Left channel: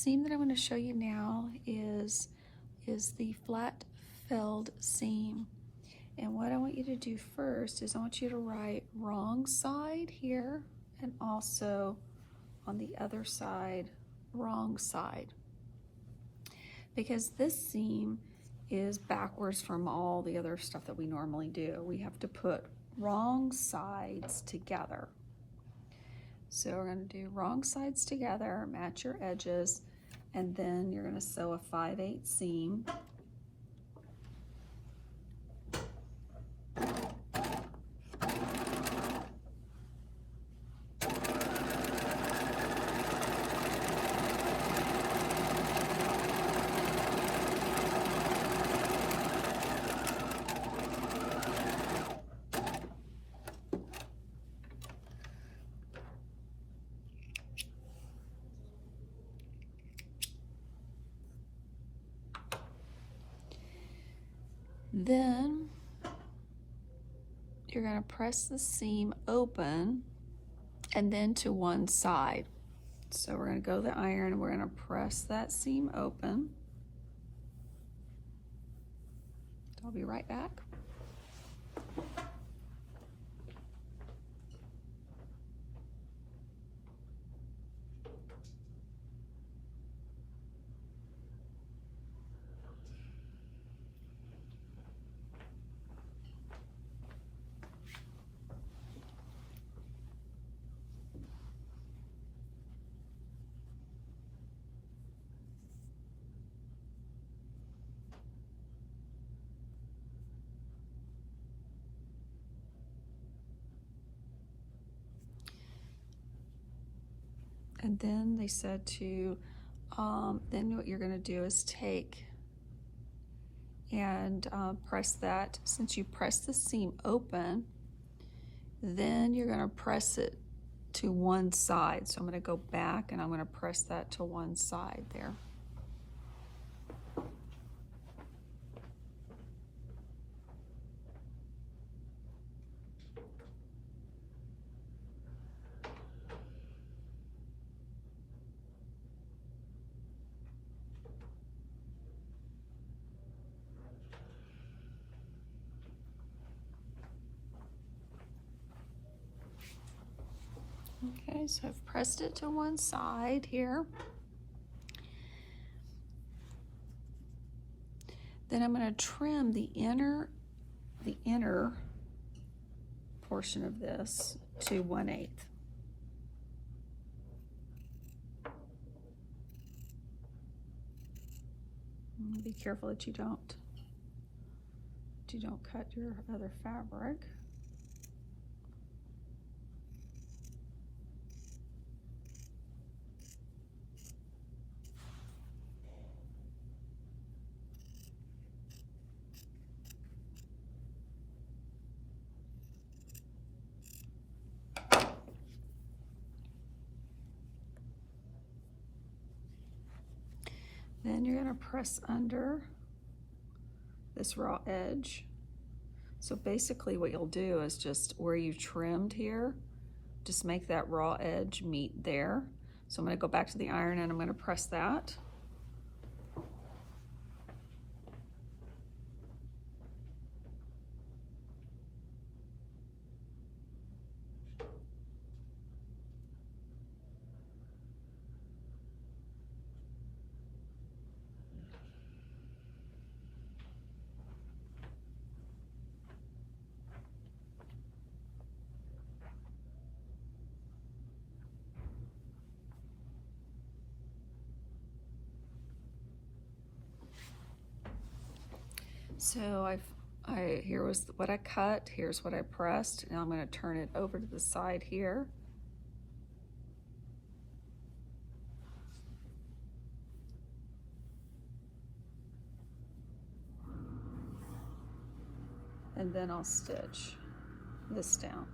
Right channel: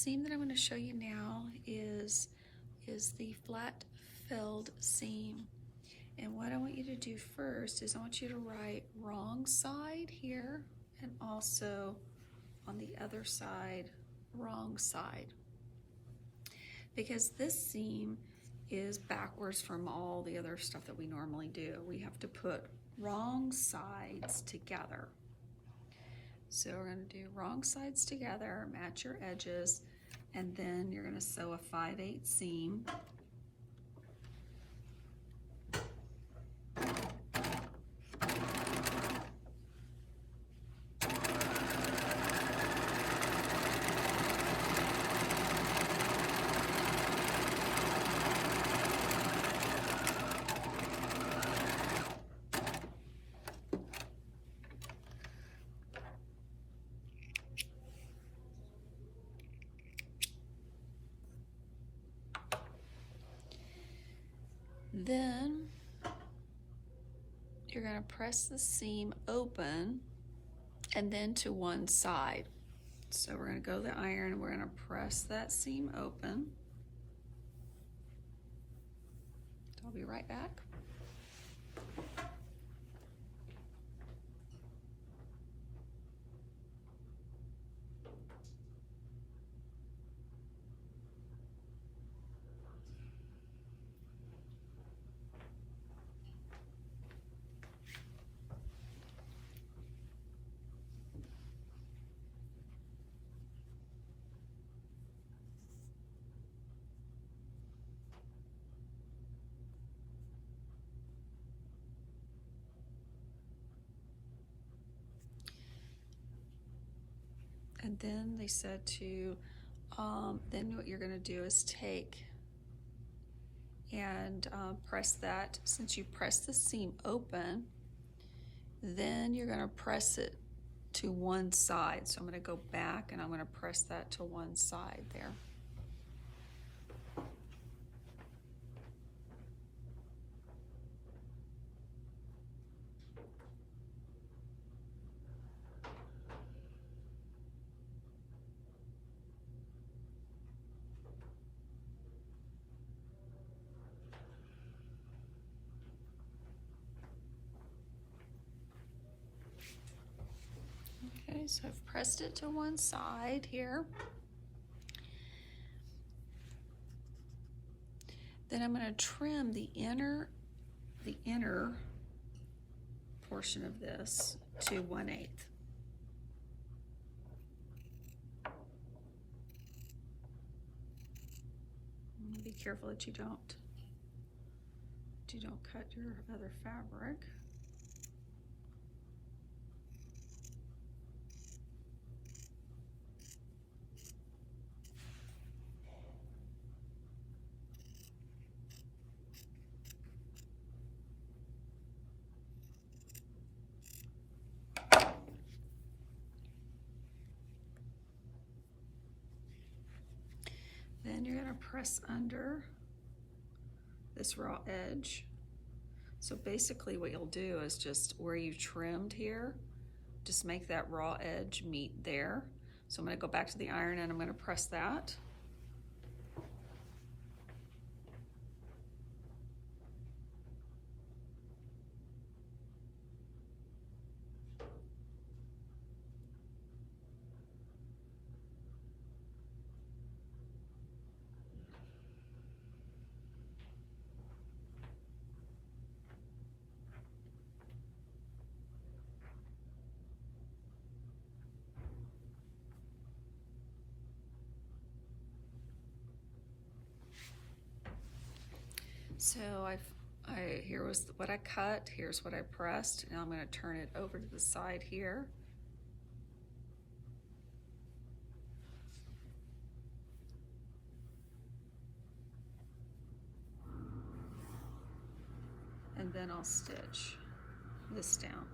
seam that I'm going to show you now is the flat felled seam. And what I want you to do first is I want you to write wrong side here and also on the other side, wrong side. Because this seam is backwards from all the other stuff that we normally do. We have to put wrong sides together. So we're going to do wrong sides together, match your edges, and then you're going to sew a 5/8 seam. Then you're going to press the seam open and then to one side. So we're going to go to the iron and we're going to press that seam open. I'll be right back. And then they said to, then what you're going to do is take and press that. Since you press the seam open, then you're going to press it to one side. So I'm going to go back and I'm going to press that to one side there. Okay, so I've pressed it to one side here. Then I'm going to trim the inner portion of this to 1/8. Be careful that you don't cut your other fabric. Then you're going to press under this raw edge. So basically what you'll do is just where you've trimmed here, just make that raw edge meet there. So I'm going to go back to the iron and I'm going to press that. So here was what I cut, here's what I pressed. Now I'm going to turn it over to the side here. And then I'll stitch this down.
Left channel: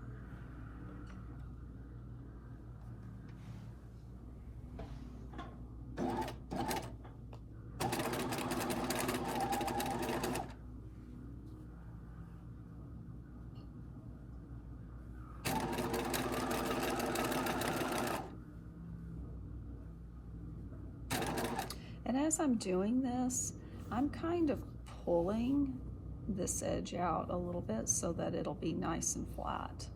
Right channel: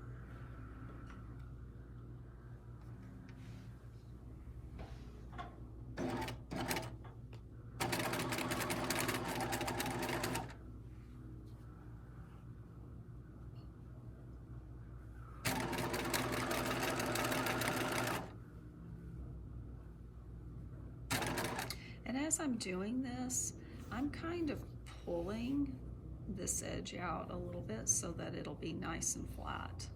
And as I'm doing this, I'm kind of pulling this edge out a little bit so that it'll be nice and flat.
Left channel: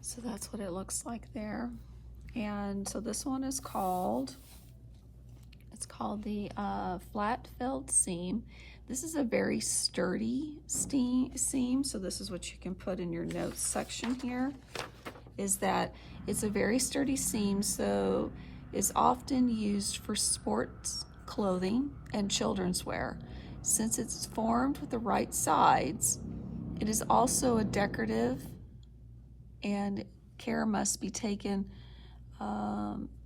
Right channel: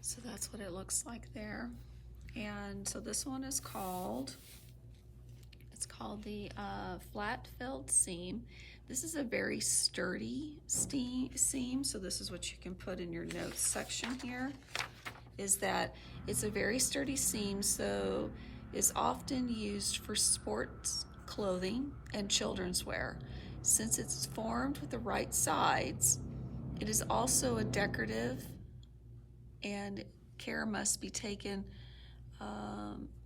So that's what it looks like there. And so this one is called, it's called the flat filled seam. This is a very sturdy seam, so this is what you can put in your notes section here, is that it's a very sturdy seam, so it's often used for sports clothing and children's wear. Since it's formed with the right sides, it is also a decorative, and care must be taken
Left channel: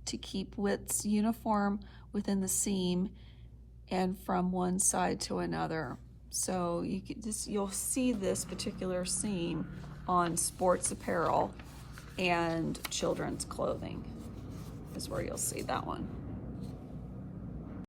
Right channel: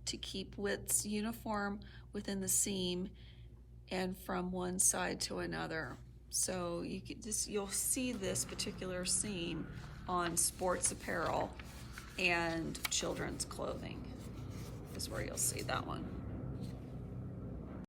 to keep widths uniform within the seam and from one side to another. So you'll see this particular seam on sports apparel and children's clothing is where you'll see that one.